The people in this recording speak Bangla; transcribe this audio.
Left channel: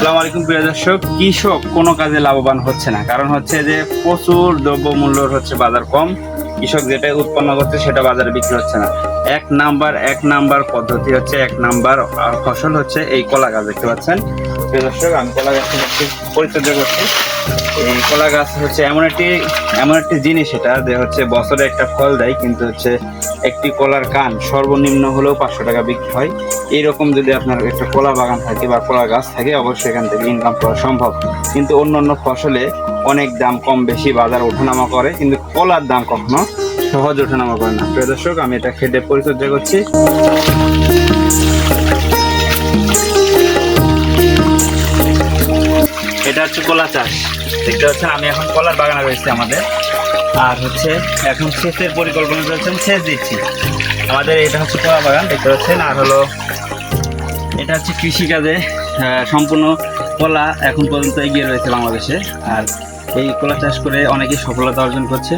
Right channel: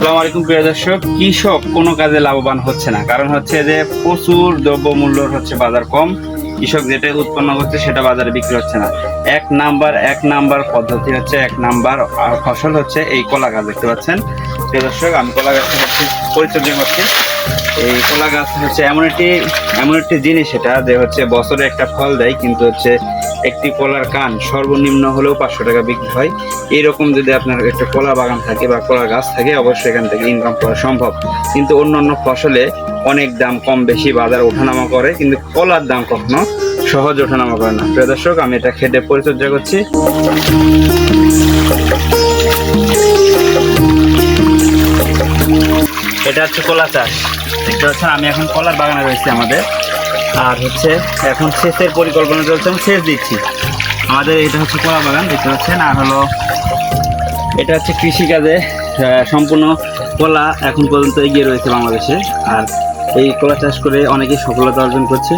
আসসালামু আলাইকুম প্রিয় দর্শক। কৃষক কোনো কাজে লাভবান হচ্ছে না, কারণ হচ্ছে যে প্রচুর দ্রব্যমূল্যর হচ্ছে বাজার কম। কৃষক যেটা উৎপন্ন করছে সেটা বাজারে বিক্রি হচ্ছে না। এক নাম্বার পদ্ধতি হচ্ছে, এক নাম্বার ফসল হচ্ছে এই কলা গাছ। দেখতে পাচ্ছেন প্রিয় দর্শক, আমি কলা গাছ হচ্ছে পরিচর্যা করছি। এই কলা গাছ হচ্ছে এমন একটি জিনিস এটা যে হচ্ছে বছরে একটা ফল দেয়, কিন্তু হচ্ছে একটি কলার কান সর্বনিম্ন হলেও 500 টাকা বিক্রি হয়। এইরকম যদি আপনার একটা কলা বাগান থাকে বা কলা গাছ থাকে, অবশ্যই এখান থেকে ইনকাম করা সম্ভব। কিন্তু অন্যান্য ফসলে অনেক দাম কম বেশি বাজার ওঠানামা করে, কিন্তু কলার দাম কখনো সহজ ওঠানামা করে না। প্রিয় দর্শক, আমি এটা খেতে পরিচর্যা করছি। এটা হচ্ছে কলা চাষ। দেখতে পাচ্ছেন আমি এখন কলার বাগানে রয়েছি আমাদের, আর হচ্ছে এখন সেচের পরিকল্পনা চলছে, সেচ দিচ্ছি। আমাদের এটা হচ্ছে কলা বাগান দেখতে পাচ্ছেন, আর হলো এটা হচ্ছে কৃষিকাজে সম্পূর্ণ কলা এখন পর্যন্ত এগিয়ে রয়েছে বাংলাদেশে। আর এই কলা চাষ করে অনেকেই সফলতা অর্জন করছে।